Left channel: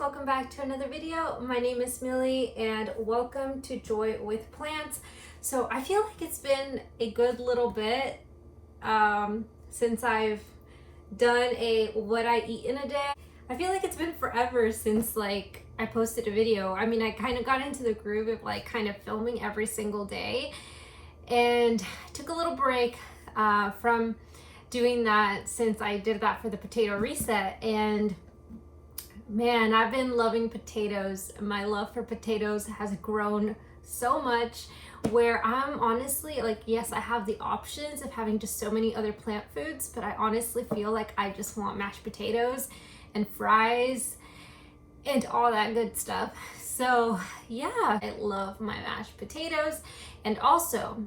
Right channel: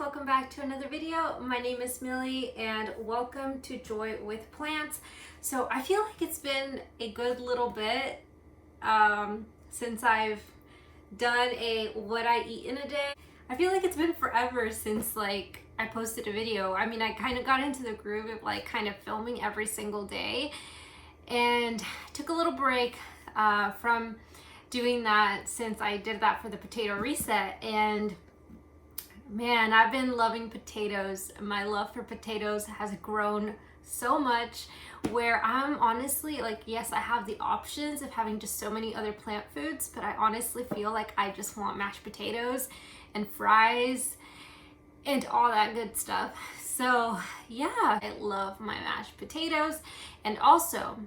welcome back to another video. My name is Millie and welcome to Joy with Plants. So I feel like it's been a good little bit since I've done a what I eat in a day. I feel like it's been forever since like I posted a video. I mean, I kind of got into the groove of like kind of filming every single day and took a little break from doing that since I did that for the potato reset. And man, I've been loving potatoes. My love for potatoes has grown so much where I'm honestly like, yes, I have the options of having just so many other plant foods, but I honestly feel like I just want mashed potatoes and fries and all that good stuff. So yeah, I love my mashed potatoes. And also,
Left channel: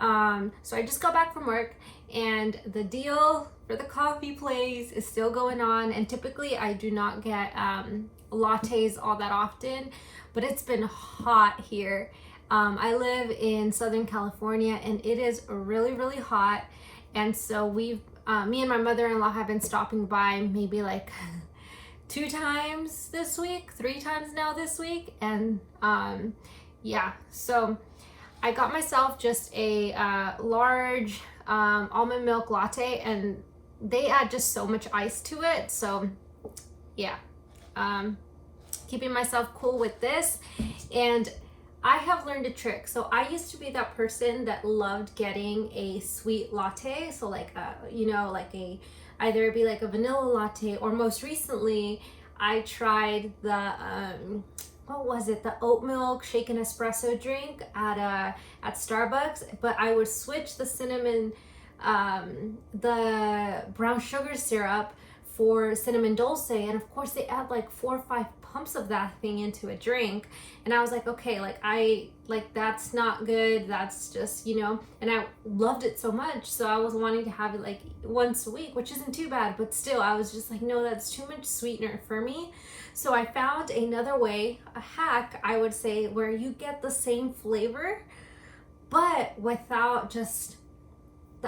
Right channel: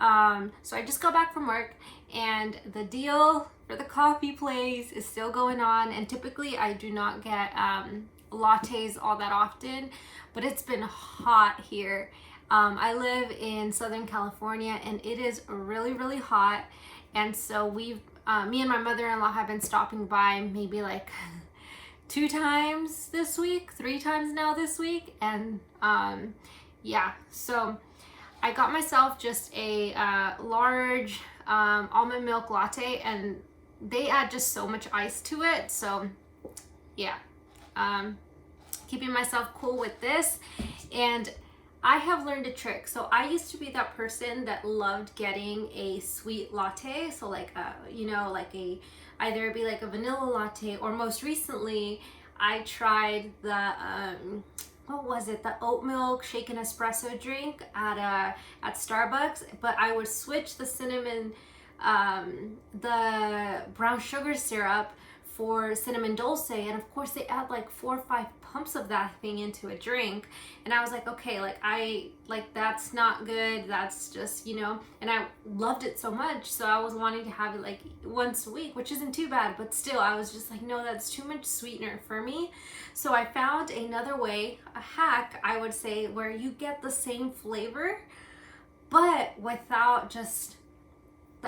so I just got back from work and the deal for the coffee place is still going on. And typically I do not get lattes all that often, but it's been hot here. I live in Southern California and it is really, really hot. And so me and my mother-in-law have been stopping by maybe like 2 times this week, 3 times now this week. And yeah, so I got myself just a large almond milk latte, and they add just so much ice to it. So yeah, keeping myself cool with this. And I have learned a trick. So I used to be that person that loved getting a sweet latte. So like you know, like either it'd be like a vanilla latte, or most recently I tried the what was it, the oat milk shaken espresso drink at Starbucks. But I would switch the cinnamon the brown sugar syrup for cinnamon dulce, and of course they add like 4 or 5 pumps of that thing into a drink. And I was like, okay, like that's not good, that's just, you know. And I loved it so much, so I was wanting to have it like once a week, which isn't too bad, but still I was just like, no, that's too much sweetener for me. So I found another way, a hack I would say, where you get the same flavor but without just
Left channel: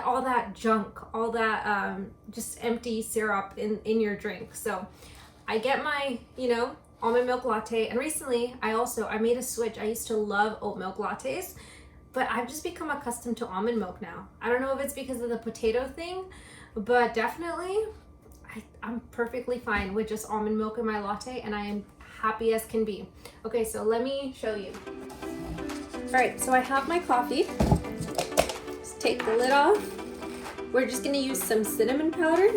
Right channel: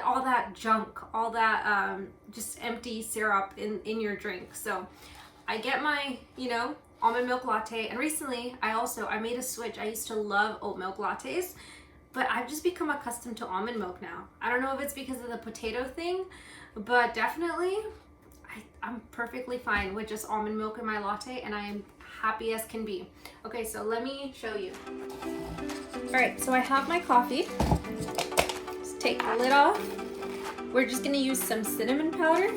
all that junk, all that just empty syrup in your drink. So I get my, you know, almond milk latte. And recently I made a switch. I used to love oat milk lattes, but I've just become accustomed to almond milk now. I don't know if it's because of the potato thing, but definitely I'm perfectly fine with just almond milk in my latte, and I am happy as can be. Okay, so let me show you. All right, so I have my coffee. Just take the lid off. We're just gonna use some cinnamon powder.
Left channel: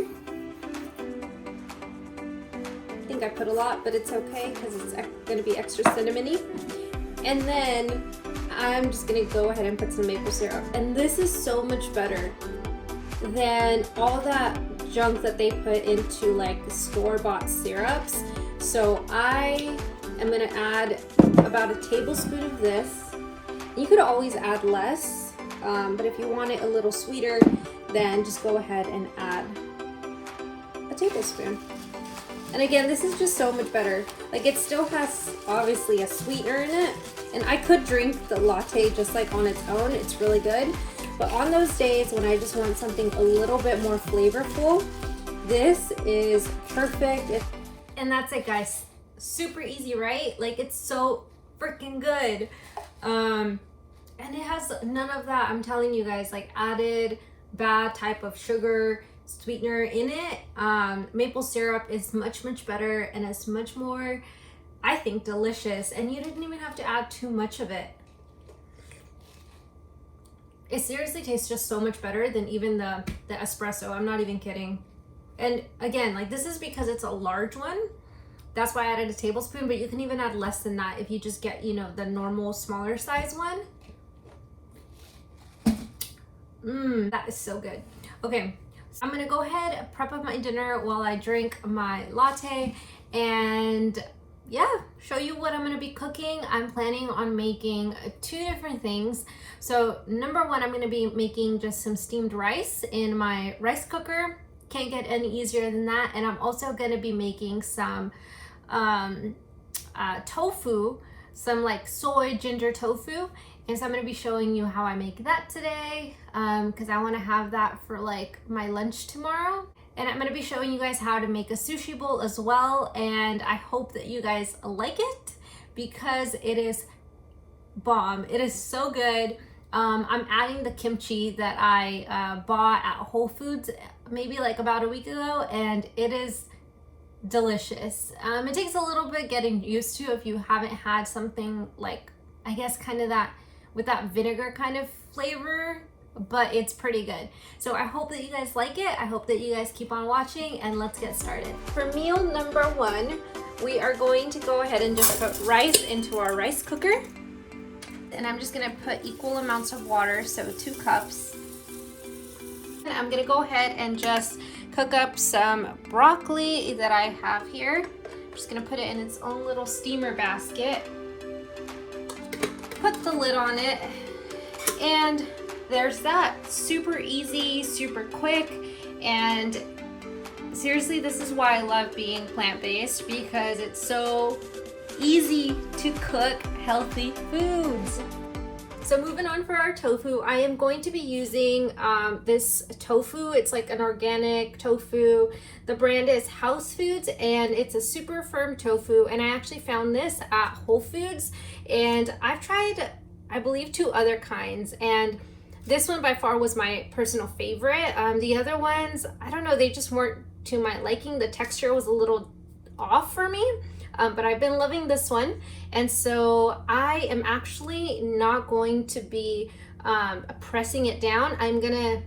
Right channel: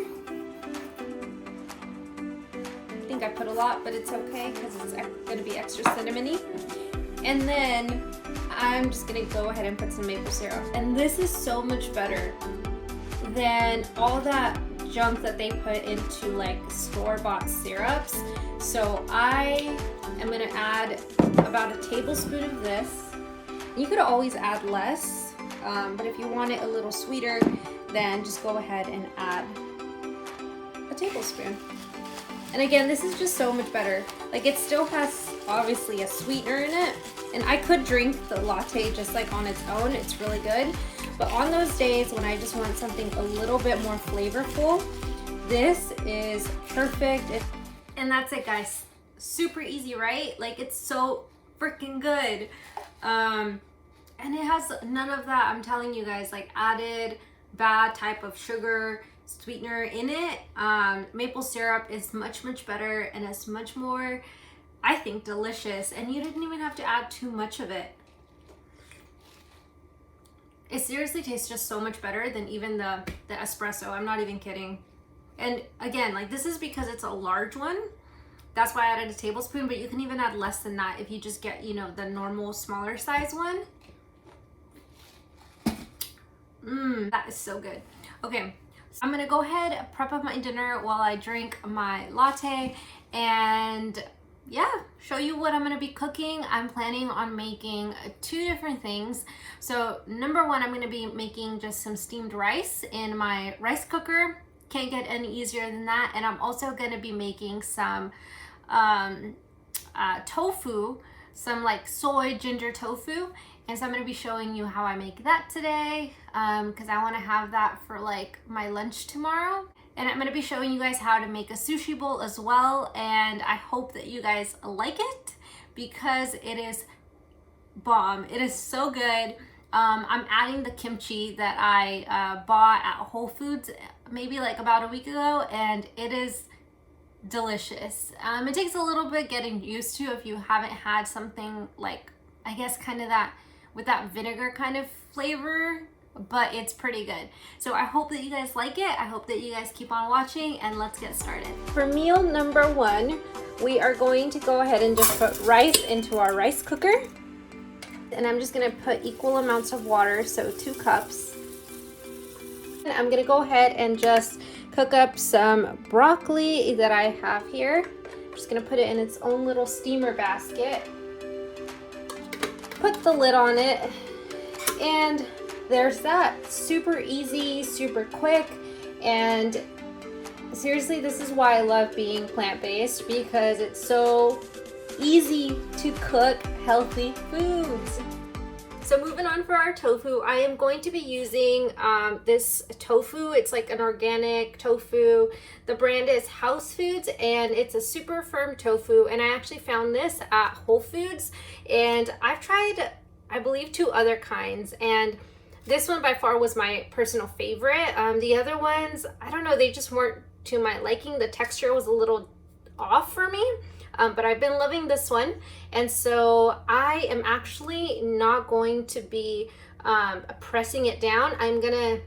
I think I put a lot, but it's okay because it's gonna be extra cinnamony. And then I'm just gonna go ahead and put some maple syrup. And this is so much better than all that junk that they put into like store-bought syrups. So I am gonna add about a tablespoon of this. You could always add less, but if you want it a little sweeter, then just go ahead and add a tablespoon. And again, this is just so much better. Like, it still has obviously a sweetener in it, and I could drink the latte just like on its own. It's really good. But on those days when I just want something a little bit more flavorful, this is perfect. And that's it, guys. Super easy, right? Like, it's so freaking good. And it has none of that, I'm telling you guys, like added bad type of sugar sweetener in it. Maple syrup is much, much better, and it's much more, I think, delicious. And you didn't even have to add too much of it. It seriously tastes just so much better than even the espresso. I'm not even kidding. And again, like, this is because it's a large one. That's why I added a tablespoon, but you can even add less than that if you just get, you know, the normal smaller size one. That is so good. Okay, so I'm gonna go ahead and prep up my dinner while I drink my latte, and yeah, show you what I'm gonna be cooking. I'm planning on making 2 different things. So number one, I'm gonna be making just some steamed rice in my rice cooker. Can't get any easier than that. And I'm also gonna be making some tofu, some like soy ginger tofu. And so I'm gonna be showing you how I make that today, because I wanna have that for like my lunch tomorrow. And I'm gonna be showing you guys how to make a sushi bowl as well. And I hope that you guys like it because it is bomb. It is so good. I'm adding the kimchi that I bought at Whole Foods maybe like about a week ago, and it is delicious. It takes a little bit getting used to if you haven't had something like, I guess, kind of that with that vinegar kind of flavor, but it's pretty good. So I hope that you guys like it. I hope that you guys keep on watching, and let's get started. For meal number 1, we are going to go ahead and just put rice into our rice cooker. And I'm just gonna put equal amounts of water, so 2 cups. And I'm gonna go ahead and just cook up some broccoli that I have here. I'm just gonna put it in its own little steamer basket. Put the lid on it, and there's that. Super easy, super quick, and seriously, this is why I love being plant-based, because it's so easy to cook healthy foods. So moving on for our tofu, I am going to be using this tofu. It's like an organic tofu. The brand is House Foods, and it's a super firm tofu, and I actually found this at Whole Foods, and I've tried, I believe, 2 other kinds, and this one by far was my personal favorite. The other ones, I don't know, they just weren't to my liking. The texture was a little off for me, but I've been loving this one. And so I am actually not going to be pressing it down. I'm gonna,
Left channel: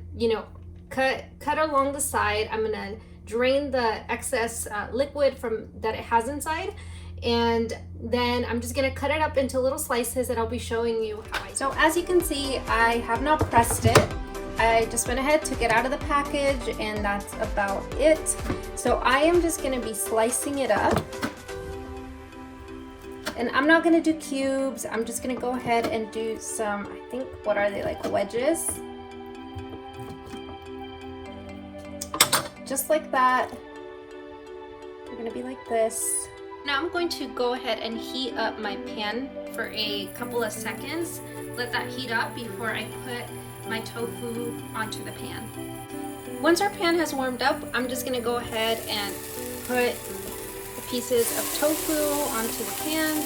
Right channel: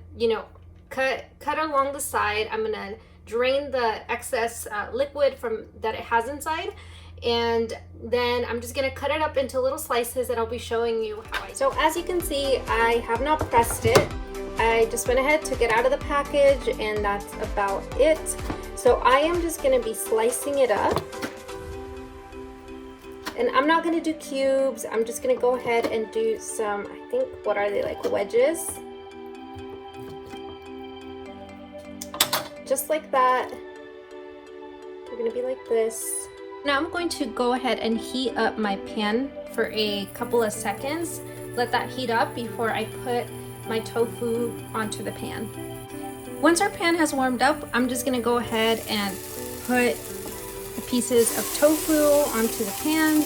cut along the side. I'm gonna drain the excess liquid from that it has inside, and then I'm just gonna cut it up into little slices, and I'll be showing you how I. So as you can see, I have not pressed it. I just went ahead, took it out of the package, and that's about it. So I am just gonna be slicing it up. And I'm not gonna do cubes. I'm just gonna go ahead and do some, I think, what are they, like wedges? Just like that. They're gonna be like this. Now I'm going to go ahead and heat up my pan for a couple of seconds. Let that heat up before I put my tofu onto the pan. Once our pan has warmed up, I'm just gonna go ahead and put the pieces of tofu onto the pan.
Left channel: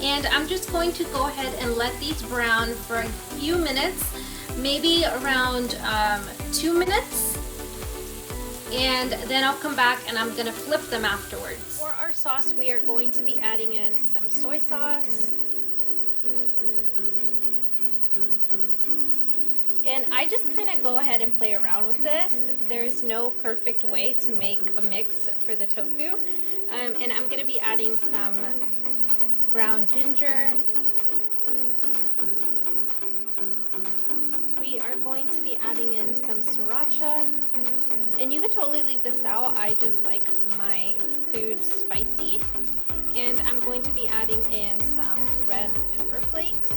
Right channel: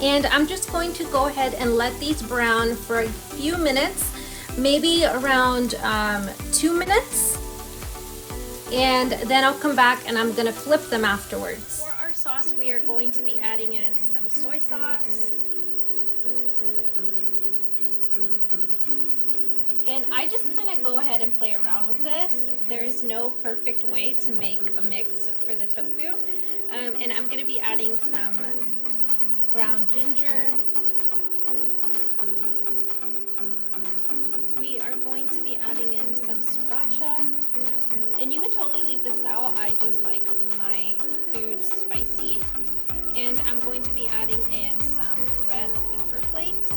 And I'm just going to go ahead and let these brown for a few minutes, maybe around 2 minutes. And then I'll come back and I'm gonna flip them afterwards. For our sauce, we are going to be adding in some soy sauce. And I just kind of go ahead and play around with this. There's no perfect way to make a mix for the tofu. And I'm gonna be adding some ground ginger. We are going to be adding in some sriracha. And you could totally leave this out. I just like my food spicy. And I'm going to be adding in some red pepper flakes.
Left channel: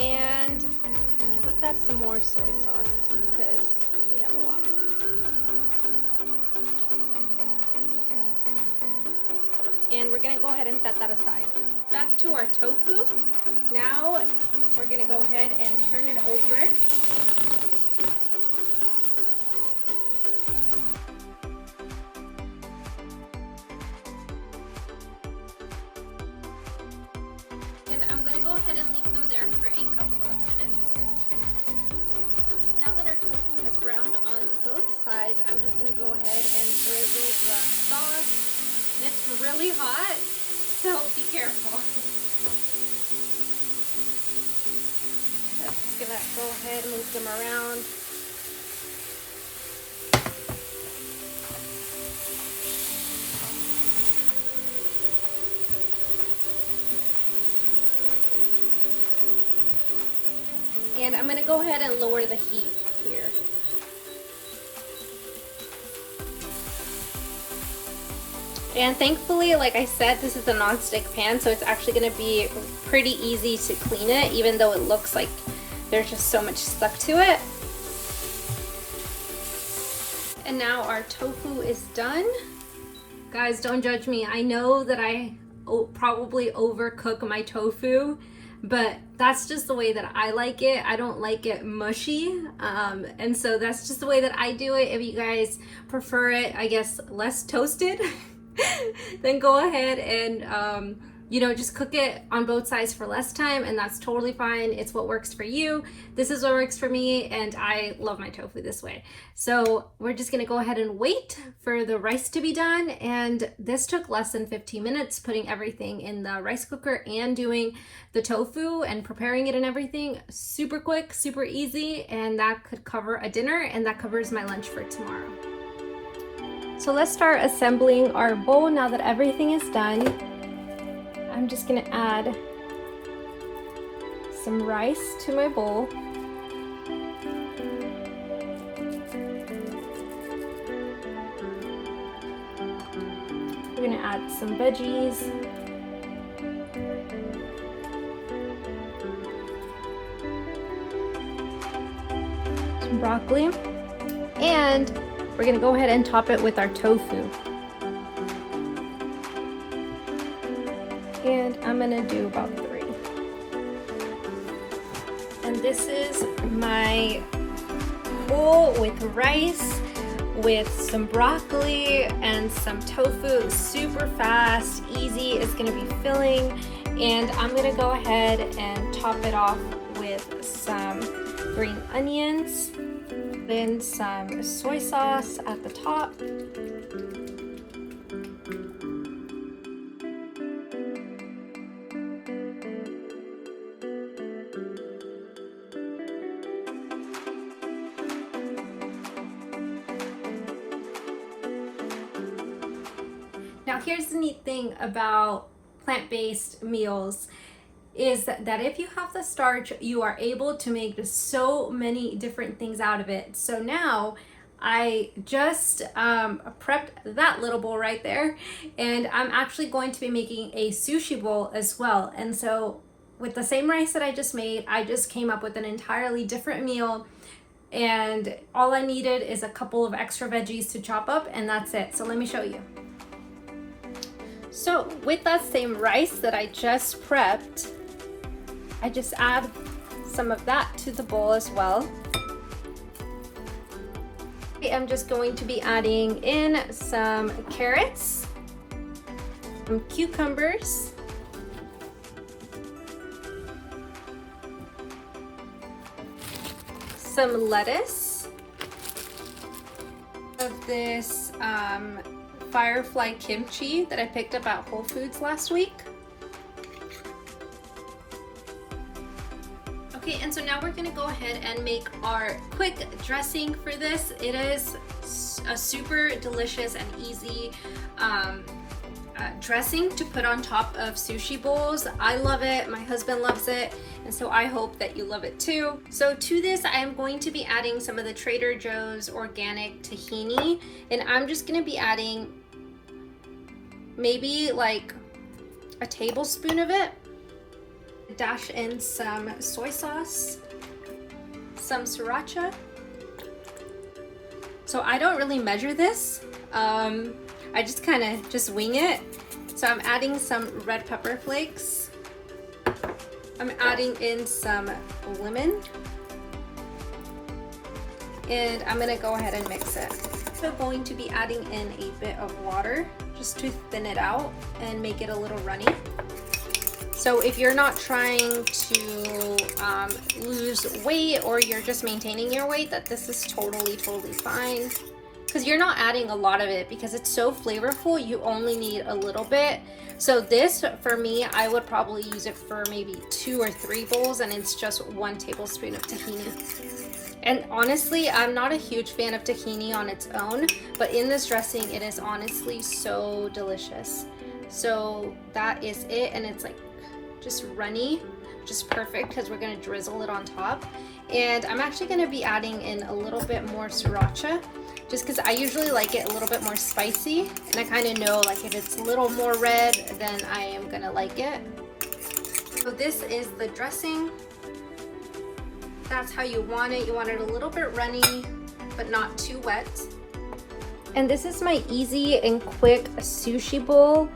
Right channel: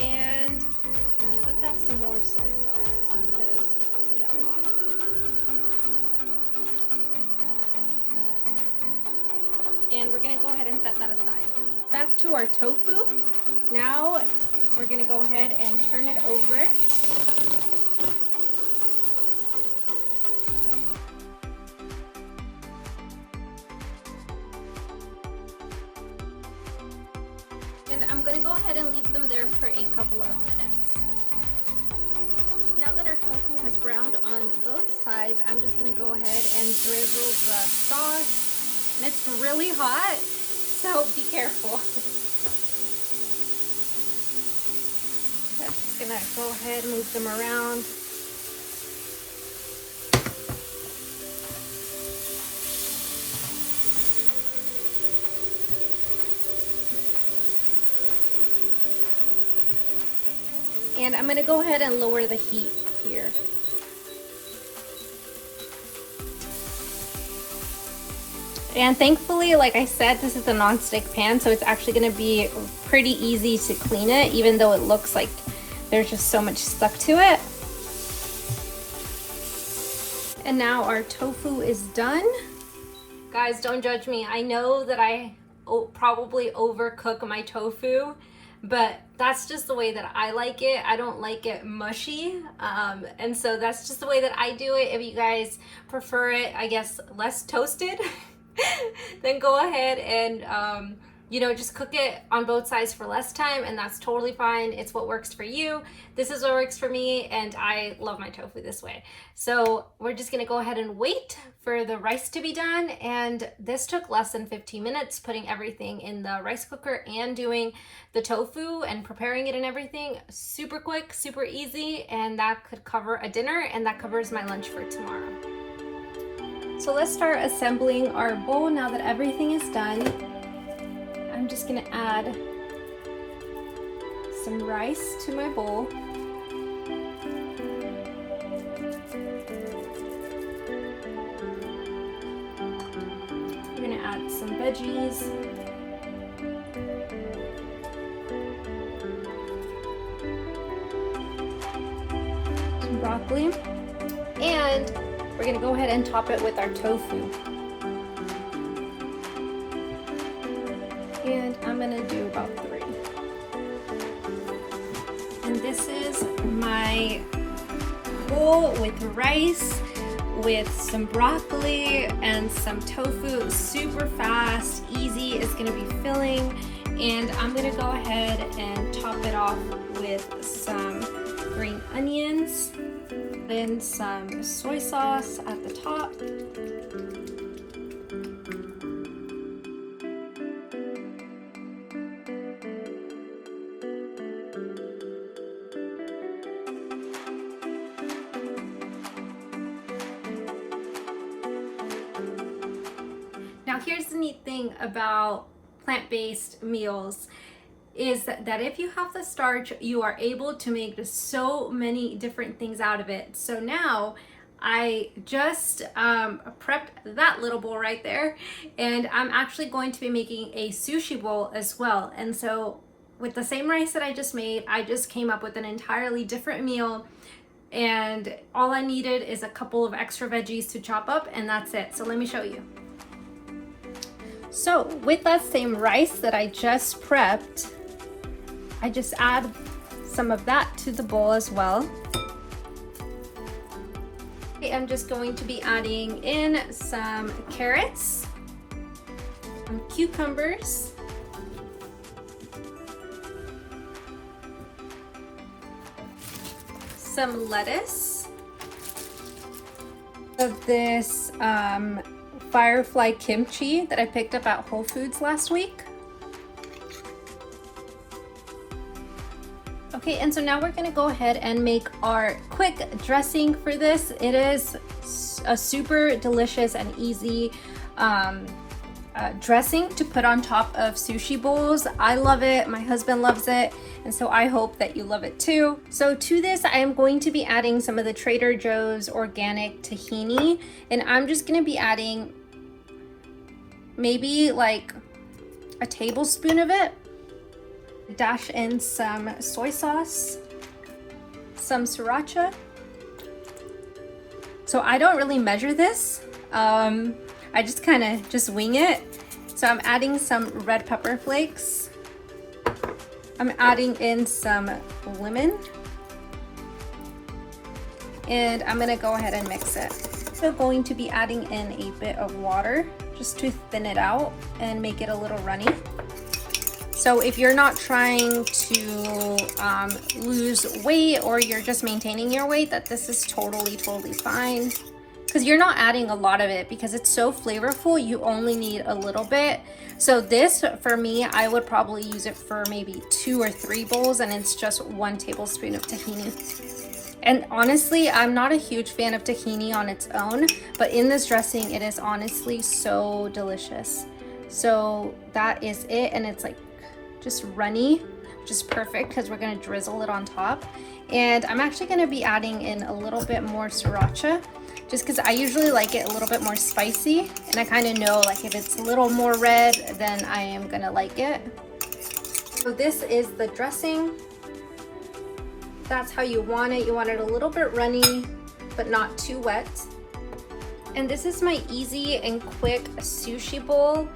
And let's add some more soy sauce because we have a lot. And we're gonna go ahead and set that aside. Back to our tofu. Now we're gonna go ahead and turn it over. And I'm gonna go ahead and leave them there for a couple of minutes. Now that our tofu has browned on both sides, I'm just gonna go ahead and drizzle the sauce. And it's really hot, so be careful. Just gonna go ahead and move them around. And I'm gonna go ahead and lower the heat here. And thankfully, like I said, this is a non-stick pan, so it's actually gonna be pretty easy to clean it, even though it looks like there's just so much stuck to it. And now our tofu is done. Guys, don't judge me. I know that I probably overcook my tofu, but that's just the way that I like it. I don't like it mushy, and so that's just the way that I do it. If you guys prefer it, I guess, less toasted, then go ahead and you know, just cook it on both sides for less time, and that's totally fine. It's what works for you. This is what works for me, and I love my tofu this way. So we're just gonna go ahead and wait for the rice to be done, and this took less than 15 minutes, putting everything in the rice cooker and doing the tofu and preparing it and everything. Super quick, super easy, and that could cover a dinner, and that covers my lunch for tomorrow. So let's start assembling our bowl now that everything is done. I'm just gonna add some rice to my bowl. We're gonna add some veggies. Some broccoli. And we're gonna go ahead and top it with our tofu. And I'm gonna do about 3. And this is my bowl with rice, with some broccoli and some tofu. Super fast, easy, it's gonna be filling. And I'm gonna go ahead and top it off with some green onions, then some soy sauce at the top. Now here's the neat thing about plant-based meals is that if you have the starch, you are able to make so many different things out of it. So now I just prepped that little bowl right there, and I'm actually going to be making a sushi bowl as well. And so with the same rice that I just made, I just came up with an entirely different meal, and all I needed is a couple of extra veggies to chop up, and that's it. So let me show you. So with that same rice that I just prepped, I just add some of that to the bowl as well. I'm just going to be adding in some carrots, some cucumbers, some lettuce, of this firefly kimchi that I picked up at Whole Foods last week. Okay, and so now we're gonna go ahead and make our quick dressing for this. It is a super delicious and easy dressing to put on top of sushi bowls. I love it, my husband loves it, and so I hope that you love it too. So to this, I am going to be adding some of the Trader Joe's organic tahini, and I'm just gonna be adding maybe like a tablespoon of it. Dash in some soy sauce, some sriracha. So I don't really measure this. I just kind of just wing it. So I'm adding some red pepper flakes. I'm adding in some lemon. And I'm gonna go ahead and mix it. So going to be adding in a bit of water just to thin it out and make it a little runny. So if you're not trying to lose weight, or you're just maintaining your weight, that this is totally fine. Because you're not adding a lot of it, because it's so flavorful, you only need a little bit. So this, for me, I would probably use it for maybe 2 or 3 bowls, and it's just 1 tablespoon of tahini. And honestly, I'm not a huge fan of tahini on its own, but in this dressing, it is honestly so delicious. So that is it, and it's like just runny, which is perfect because we're gonna drizzle it on top. And I'm actually gonna be adding in a little bit more sriracha, just because I usually like it a little bit more spicy, and I kind of know like if it's a little more red, then I am gonna like it. So this is the dressing. That's how you want it. You want it a little bit runny, but not too wet. And this is my easy and quick sushi bowl.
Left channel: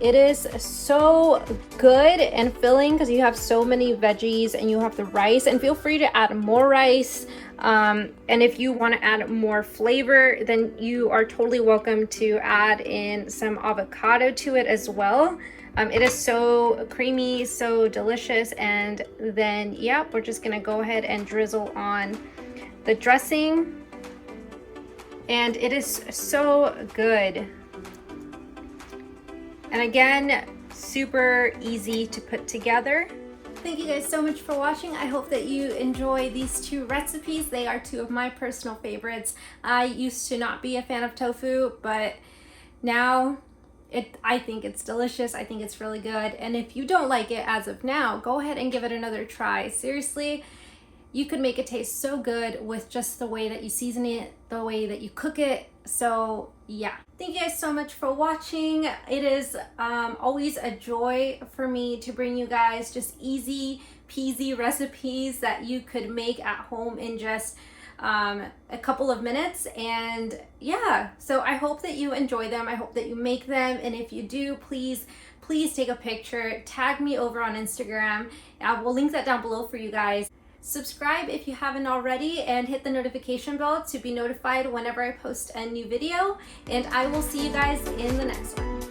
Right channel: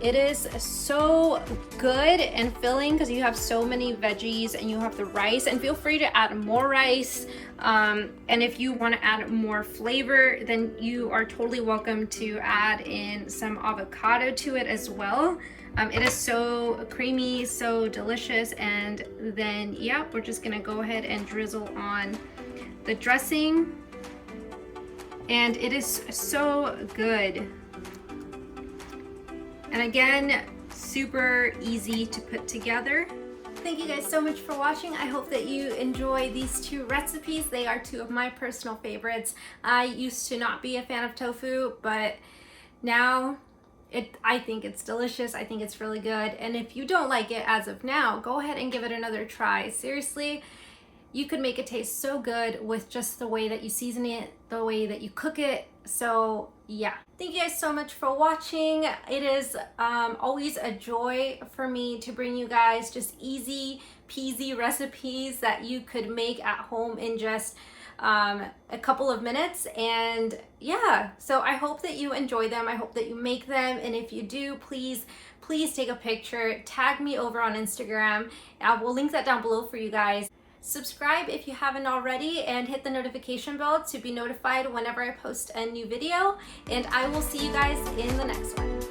It is so good and filling because you have so many veggies and you have the rice, and feel free to add more rice. And if you want to add more flavor, then you are totally welcome to add in some avocado to it as well. It is so creamy, so delicious. And then, yeah, we're just gonna go ahead and drizzle on the dressing. And it is so good. And again, super easy to put together. Thank you guys so much for watching. I hope that you enjoy these two recipes. They are two of my personal favorites. I used to not be a fan of tofu, but now I think it's delicious. I think it's really good. And if you don't like it as of now, go ahead and give it another try. Seriously, you could make it taste so good with just the way that you season it, the way that you cook it. So yeah, thank you guys so much for watching. It is always a joy for me to bring you guys just easy peasy recipes that you could make at home in just a couple of minutes. And yeah, so I hope that you enjoy them. I hope that you make them. And if you do, please take a picture, tag me over on Instagram. We'll link that down below for you guys. Subscribe if you haven't already, and hit the notification bell to be notified whenever I post a new video. And I will see you guys in the next one.